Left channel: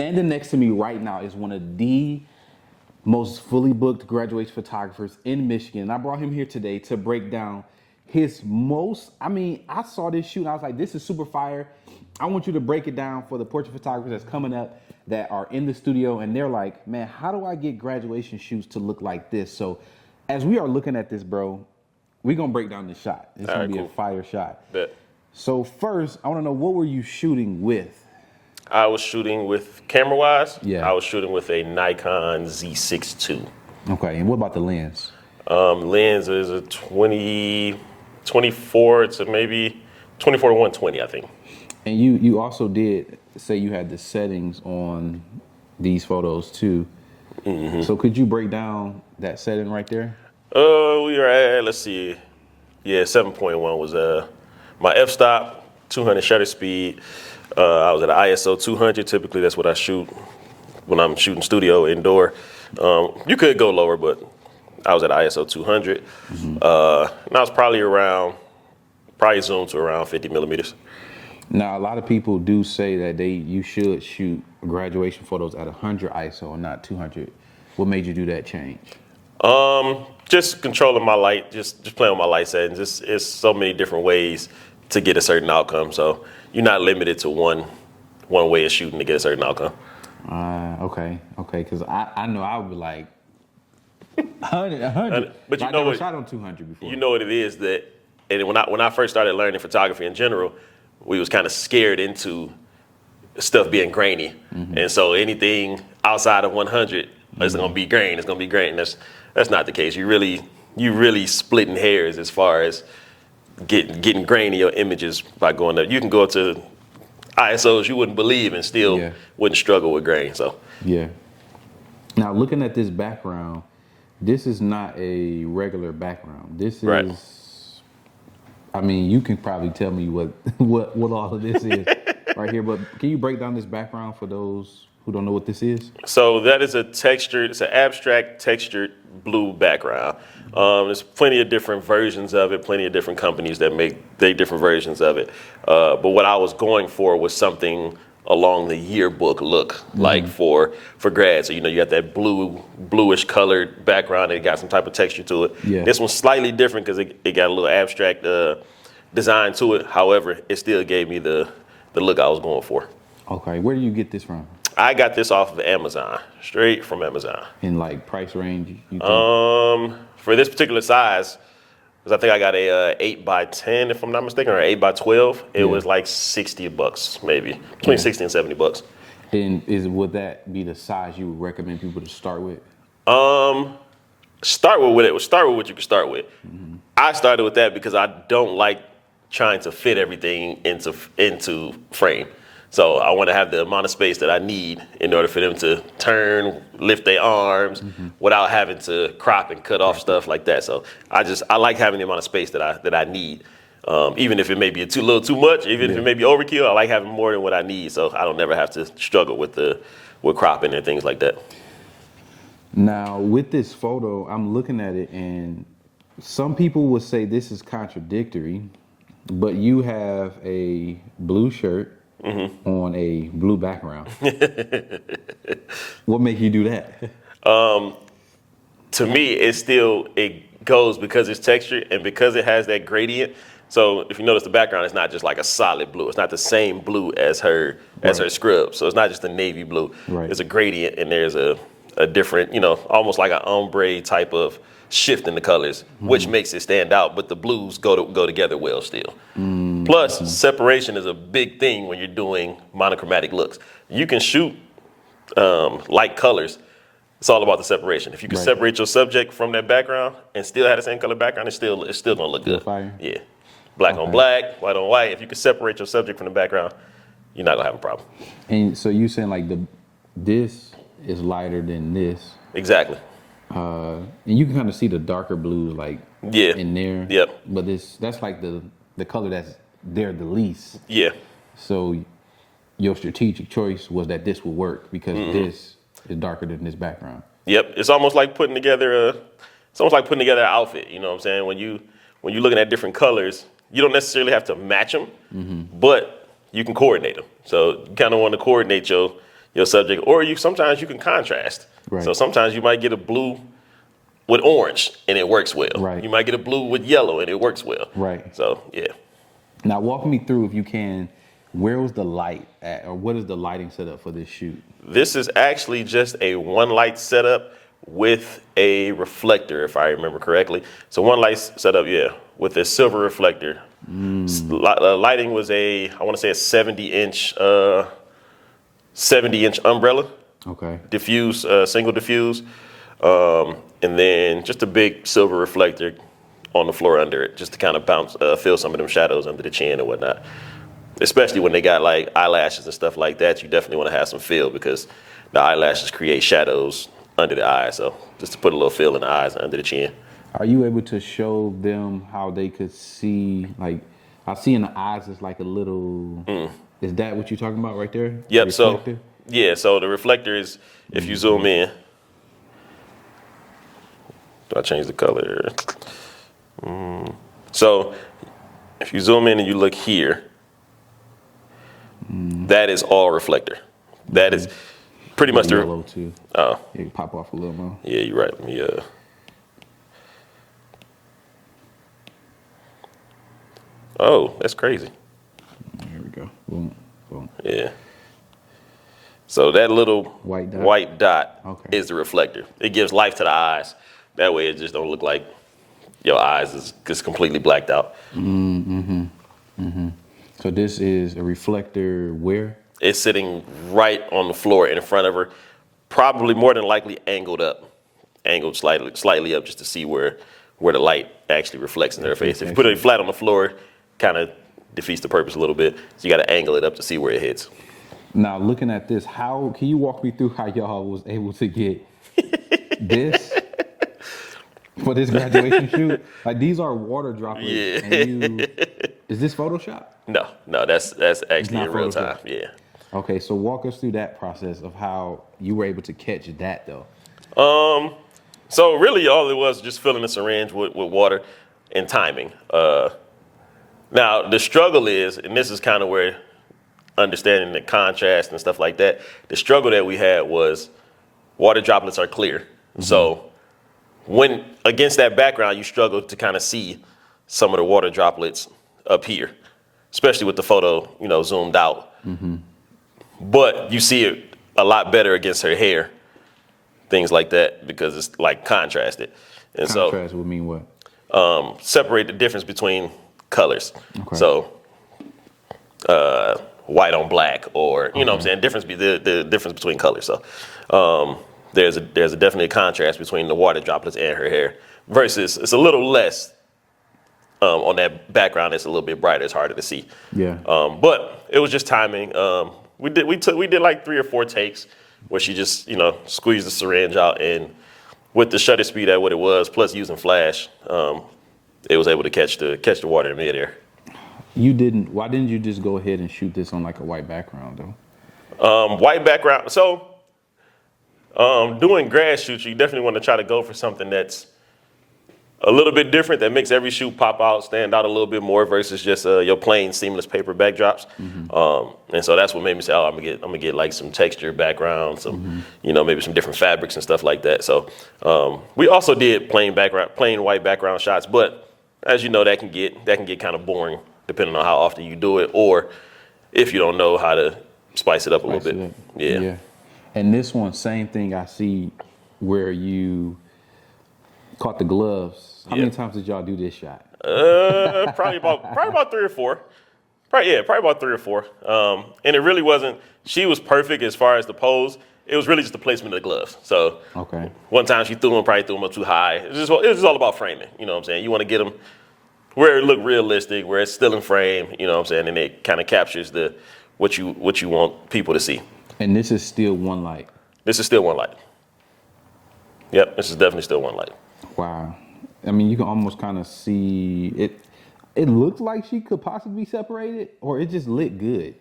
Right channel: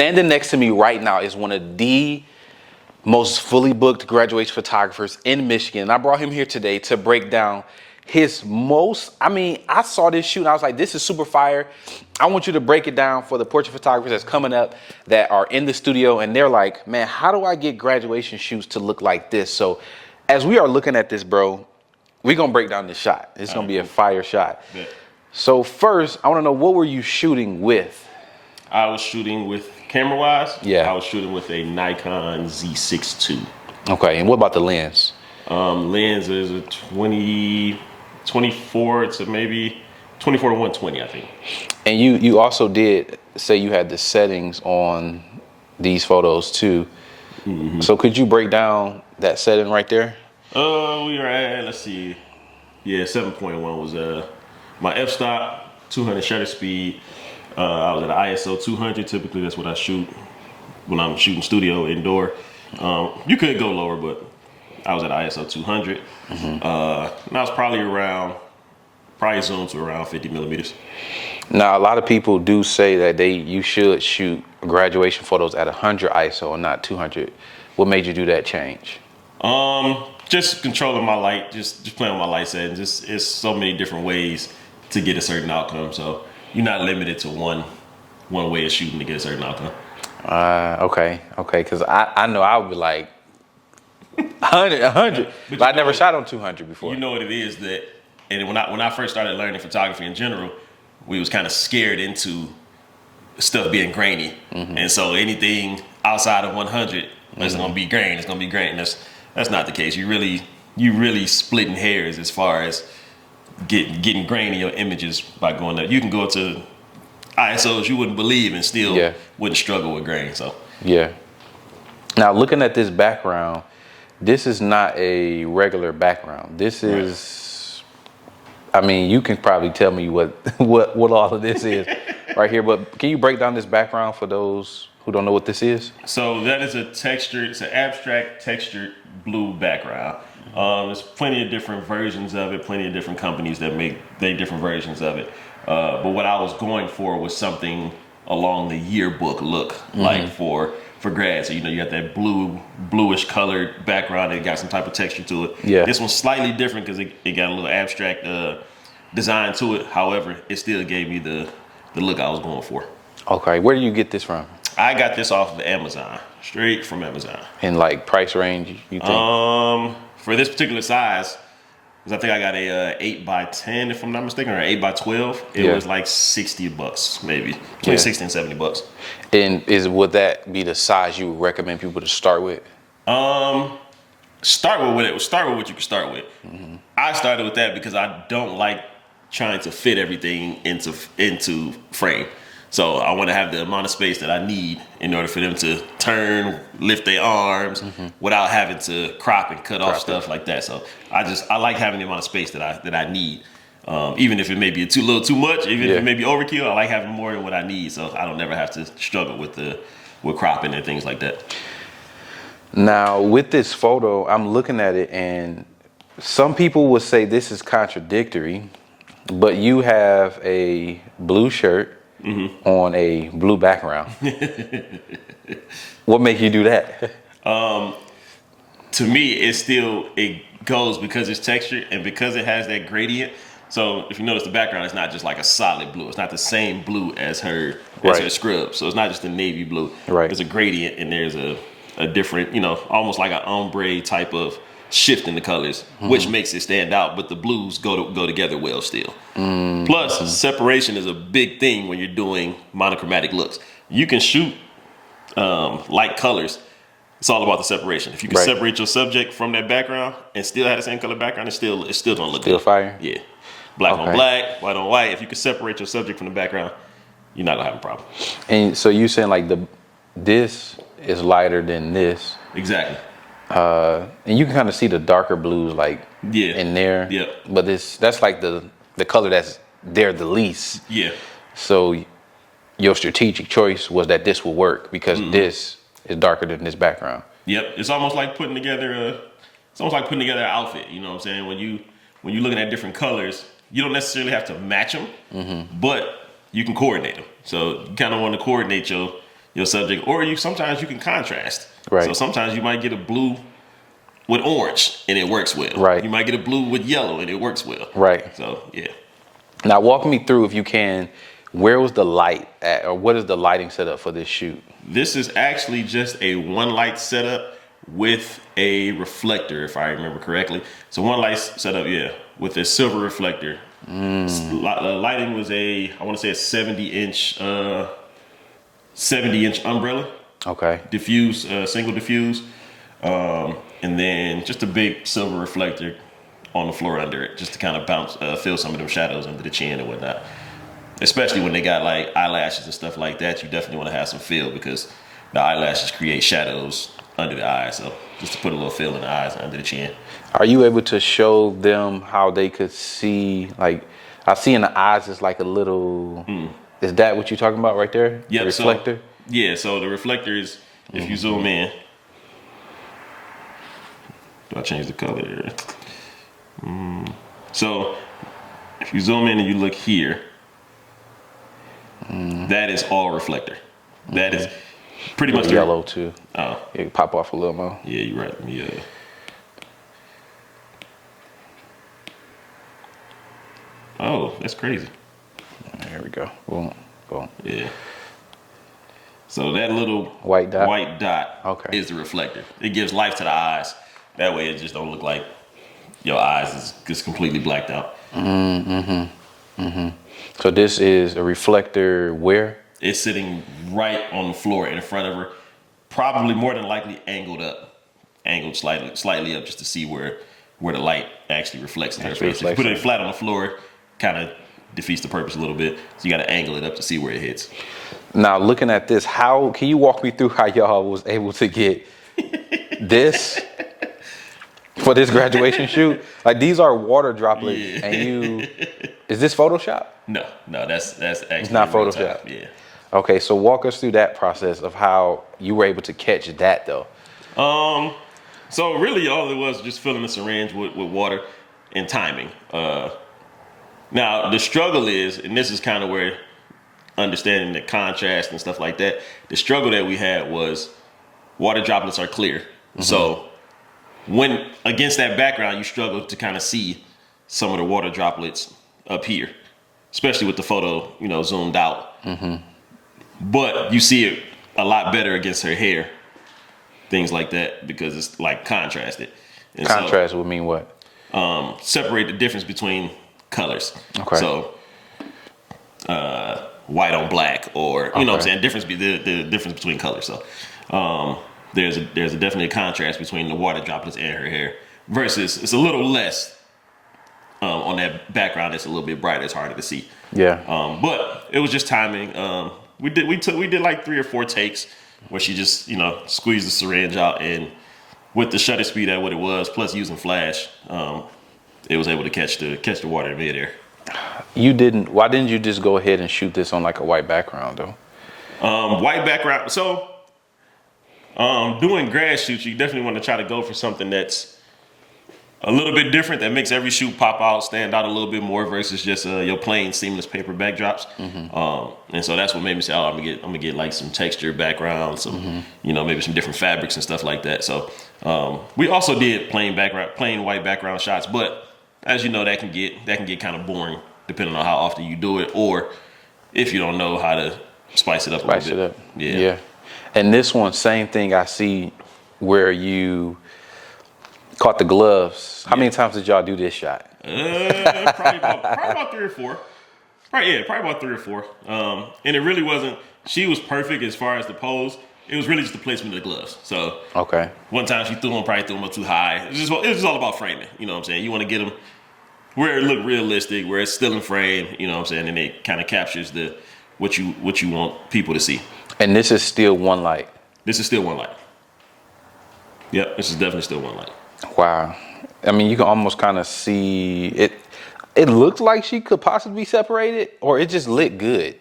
Standing next to me right now is one of the most fully booked graduation photographers in Michigan. And I brought him here today to break down his most, I saw this shoot and I was like, this is super fire. I want you to break it down for the portrait photographers that's coming up that are in the studio and they're like, man, how do I get graduation shoots to look like this? So as we are looking at this, bro, we're gonna break down this shot. It's gonna be a fire shot. Bet. So first, I wanna know, what were you shooting with? I was shooting with, camera-wise, Yeah. I was shooting with a Nikon Z6 II. Okay, and what about the lens? Lens is a 24 to maybe 24 to 120, I think. And you also did say you had the settings on these photos too. Mm-hmm. So could you break down that setting right there? We were at, let's see, yeah, 7.1 was my f-stop, 200 shutter speed. I was at an ISO 200. Typically, that's what I shoot when I'm shooting studio indoor. You could go lower, but I was at ISO 200. Mm-hmm. And I was probably zoomed to around 50 millimeters. Now, a lot of people do say that you should shoot graduation photos at 100 ISO and not 200. What made you do that change? Just controlling my light, just playing with my light settings. It's so many different ways to get a certain outcome. So you're not limited to one way of shooting to get a certain outcome. Okay. Because I know I would be like 100, but I never shot on 200 before. You know what it is that, and when I first started learning photography in general, we was kind of scared into stuff being grainy, and so anything outside of 100 is gonna be grain. It's gonna be grain. That's not the case. You really splitting hairs as far as getting grain in your images by going up. You can go to ISOs you wouldn't believe and still wouldn't struggle with grain. So yeah. Now looking at this background, this is not a regular background. This is, you can probably tell me what all of this is right here, but can you break down this background for those who don't know what this is? So that is it's an abstract textured blue background. There's plenty of different versions of it, plenty of different companies that make their different versions of it. But what I was going for was something along the yearbook look, like for grad. So, you got that bluish colored background and it got some type of texture to it. Yeah. This one's slightly different because it got a little abstract design to it. However, it still gave me the look I was going for. Okay, where do you get this from? I got this off of Amazon, straight from Amazon. In like price range, you think? For this particular size, because I think I got a 8x10, if I'm not mistaken, or 8x12. It was like $60, maybe between $60 and $70. And would that be the size you would recommend people to start with? Start with what you can start with. Mm-hmm. I started with that because I don't like trying to fit everything into frame. So I want to have the amount of space that I need in order for them to turn, lift their arms without having to crop and cut off stuff like that. So I like having the amount of space that I need. Even if it may be a little too much, even if it may be overkill, I like having more than what I need. So I don't never have to struggle with cropping and things like that. Now with this photo, I'm looking at it and some people would say this is contradictory, but you have a blue shirt on a blue background. What makes you do that? To me, it goes because it's textured and because it has that gradient. So if you notice the background, it's not just like a solid blue. It's not the same blue as her scrub. So it's not just a navy blue. Right. There's a gradient and there's a different, almost like an ombre type of shift in the colors, which makes it stand out, but the blues go together well still. Plus, separation is a big thing when you're doing monochromatic looks. You can shoot light colors. It's all about the separation. If you can separate your subject from that background and still have the same color background, it's still gonna look good. Fire? Yeah. Black on black, white on white. If you can separate your subject from the background, you're not gonna have a problem. And so you saying like this is lighter than this. Exactly. And you can kind of see the darker blues like in there. Yep. But that's like the color that's there the least. Yeah. So your strategic choice was that this will work because this is darker than this background. Yep. It's almost like putting together an outfit. You know what I'm saying? When you're looking at different colors, you don't necessarily have to match them, but you can coordinate them. So you kind of want to coordinate your your subject, or sometimes you can contrast. Right. So sometimes you might get a blue with orange and it works well. Right. You might get a blue with yellow and it works well. Right. So yeah. Now walk me through, if you can, where was the light at, or what is the lighting setup for this shoot? This is actually just a one light setup with a reflector, if I remember correctly. So one light setup, yeah, with a silver reflector. Lighting was I want to say a 70-inch umbrella. Okay. Diffuse, single diffuse. And then just a big silver reflector on the floor under it, just to kind of bounce, fill some of them shadows under the chin and whatnot. Especially when they got like eyelashes and stuff like that, you definitely want to have some fill because the eyelashes create shadows under the eyes. So just to put a little fill in the eyes and under the chin. Are you able to show them how they could see, like, I see in the eyes it's like a little, is that what you're talking about right there? Yep. The reflector? So the reflector is, if you zoom in, do I change the color? So if you zoom in and you look here, that is all reflector. That is pretty much the yellow too. Oh, Yeah, pop off a little more. yeah, you're right. Yeah. Oh, that's crazy. There we go. Boom, boom. Yeah. So that little White dot? Okay. is the reflector. It gives life to the eyes. That way it just don't look like your eyes is just completely blacked out. So this is a reflector where? It's sitting right on the floor in front of her, probably more than likely angled slightly up just to see where the light actually reflects in her face. If you put it flat on the floor, kind of defeats the purpose a little bit. So you got to angle it up to see where it hits. Now looking at this, how can you walk me through how y'all was able to get this for this graduation shoot? Like, these are water droplets, Yeah. and is this Photoshop? No, that's actually It's not in real Photoshop. time. Yeah. Okay, so walk us through that process of how you were able to catch that though. So really all it was just filling the syringe with water and timing. Now the struggle is, and this is kind of where understanding the contrast and stuff like that, the struggle that we had was water droplets are clear. So when against that background, you struggle to kind of see some of the water droplets up here, especially with the photo, zoomed out. But you see it a lot better against her hair, things like that, because it's like contrasted. And Contrast would mean what? so separate the difference between colors. Okay. So white on black, or you know what I'm saying, the difference between colors. So there's definitely a contrast between the water droplets and her hair, versus it's a little less on that background. It's a little bit brighter. It's harder to see. Yeah. But it was just timing. We did like 3 or 4 takes where she just squeezed the syringe out, and with the shutter speed at what it was, plus using flash, it was able to catch the water in midair. Why didn't you just go ahead and shoot this on like a white background though? White background. So doing grad shoots, you definitely want to try to go for something that's a little bit different, that makes every shoot pop out, stand out a little bit more, versus just your plain seamless paper backdrops. And so that's what made me say, I'm gonna get like some textured background, some maybe some different fabrics and stuff like that. So we also did plain white background shots, but as you know, that can get kind of boring depending on how often you do it, or if you don't know how to spice it up a little bit. Yeah. And this one, same thing. I see where you caught the gloves. How many times did y'all do this shot? Probably about 3 or 4. Probably about 3 or 4. And it really wasn't. She was perfect as far as the pose. It was really just the placement of the gloves. So one time she threw them up too high. It was just all about framing. You know what I'm saying? You want to get them where it look realistic, where it's still in frame. You know what I'm saying? And it kind of captures what you want people to see. And this is still one light. This is still one light. Yep, this is definitely still one light. Wow. I mean, you can almost kind of see it. It looked like she could possibly be separated, or it just lit good.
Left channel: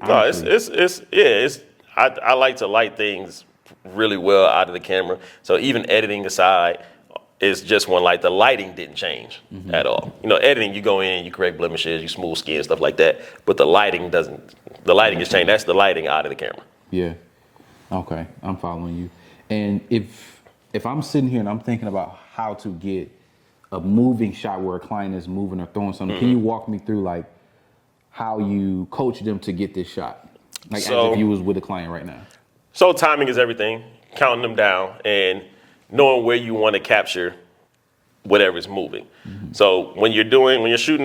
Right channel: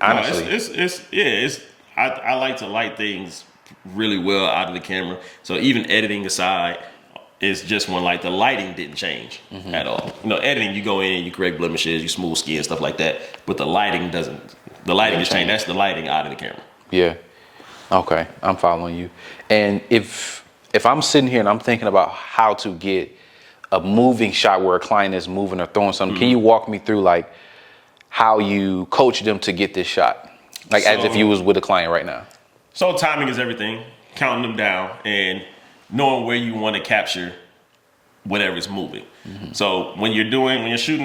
Honestly. No, I like to light things really well out of the camera. So even editing aside, it's just one light. The lighting didn't change at all. Editing, you go in, you create blemishes, you smooth skin, stuff like that. But the lighting doesn't. The lighting is changed. That's the lighting out of the camera. Yeah. Okay, I'm following you. And if I'm sitting here and I'm thinking about how to get a moving shot where a client is moving or throwing something, can you walk me through like how you coach them to get this shot? Like as if you was with a client right now. So timing is everything. Counting them down and knowing where you want to capture whatever's moving. So when you're shooting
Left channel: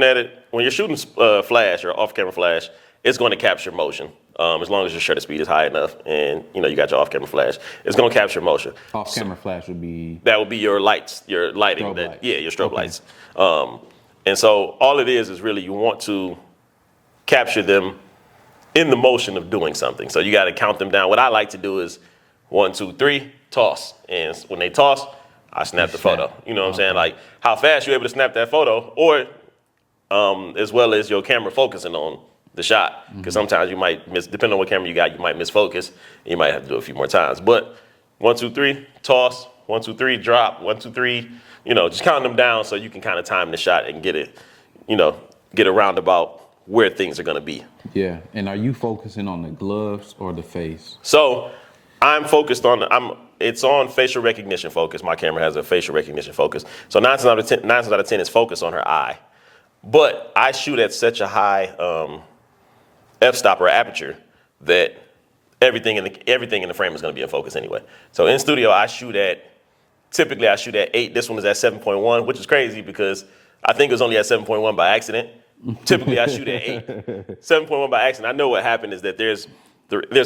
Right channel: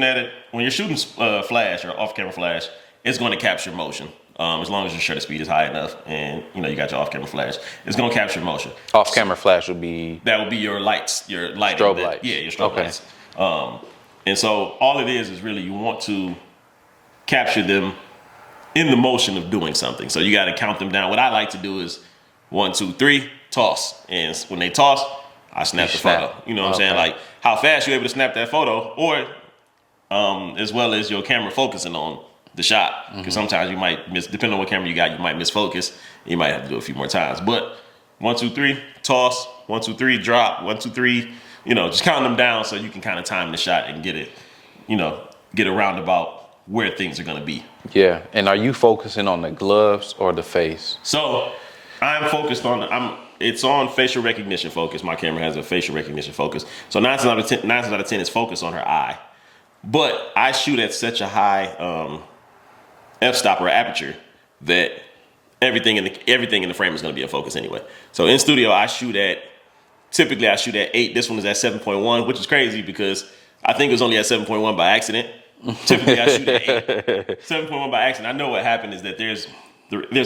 flash or off-camera flash, it's going to capture motion. As long as your shutter speed is high enough and you got your off-camera flash, it's going to capture motion. Off-camera flash would be? That would be your lights, your lighting. Strobe lights. Yeah, your strobe lights. And so all it is really you want to capture them in the motion of doing something. So you got to count them down. What I like to do is 1, 2, 3, toss. And when they toss, I snap the photo. You know what I'm saying? Like how fast you're able to snap that photo, or as well as your camera focusing on the shot. Because sometimes you might miss, depending on what camera you got, you might miss focus. You might have to do it a few more times. But 1, 2, 3, toss. 1, 2, 3, drop. 1, 2, 3. Just counting them down so you can kind of time the shot and get it, get a roundabout where things are going to be. Yeah. And are you focusing on the gloves or the face? So I'm focused on, it's on facial recognition focus. My camera has a facial recognition focus. So 9 out of 10 is focused on her eye. But I shoot at such a high f-stop or aperture that everything in the frame is going to be in focus anyway. So in studio, typically I shoot at 8. This one is at 7.1, which is crazy because I think it was only at 7.1 by accident. Typically I shoot at 8. 7.1 by accident. I know what happened is that there's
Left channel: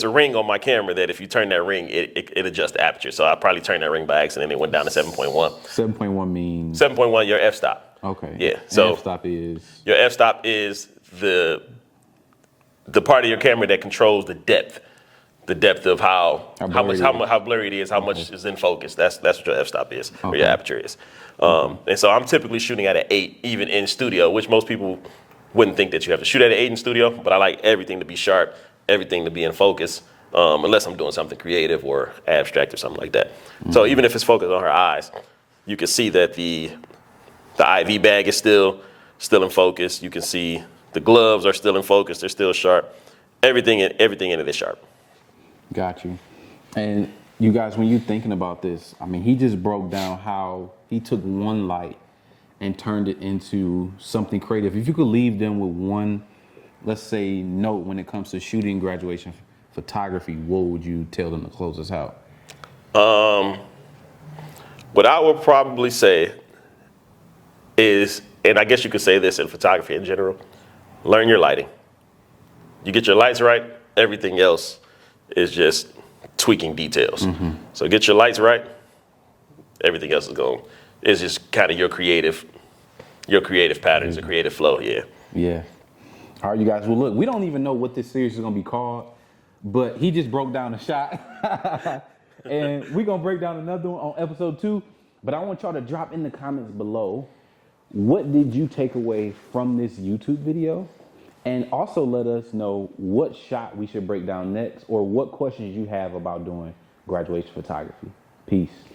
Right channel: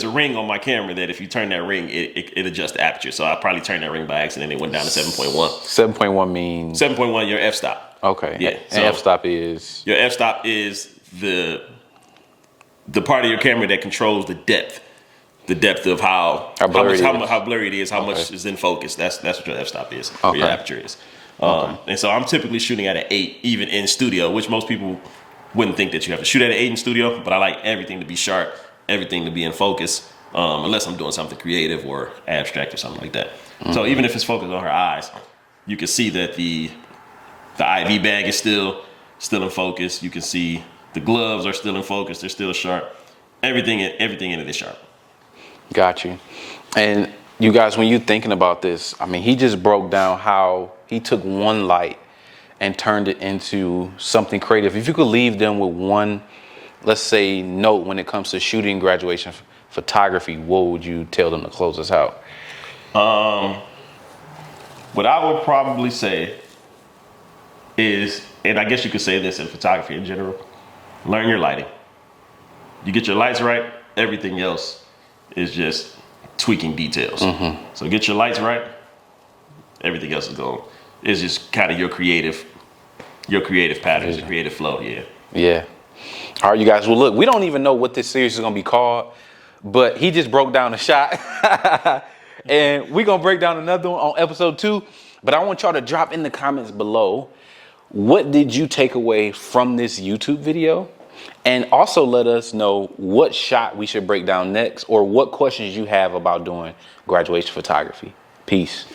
a ring on my camera that if you turn that ring, it adjusts the aperture. So I probably turned that ring by accident and it went down to 7.1. 7.1 means? 7.1, your f-stop. Okay. Yeah. And So f-stop is? Your f-stop is the part of your camera that controls the depth of how blurry it is, how much is in focus. That's what your f-stop is, or your aperture is. And so I'm typically shooting at an 8, even in studio, which most people wouldn't think that you have to shoot at an 8 in studio, but I like everything to be sharp, everything to be in focus, unless I'm doing something creative or abstract or something like that. So even if it's focused on her eyes, you can see that the IV bag is still in focus. You can see the gloves are still in focus. They're still sharp. Everything in it is sharp. Got you. And you guys, when you're thinking about this, I mean, he just broke down how he took one light and turned it into something creative. If you could leave them with one, let's say, note when it comes to shooting graduation photography, what would you tell them to close us out? What I would probably say is, and I guess you could say this in photography in general, learn your lighting. You get your lights right, everything else is just tweaking details. So get your lights right, everything else is just kind of your creative patterns, your creative flow. Yeah. All right, you guys. Well, look, we don't even know what this series is going to be called, but he just broke down a shot. And we're going to break down another one on episode 2. But I want y'all to drop in the comments below, what did you take away from this YouTube video? And also let us know what shot we should break down next or what questions you have about doing graduation photography. Peace.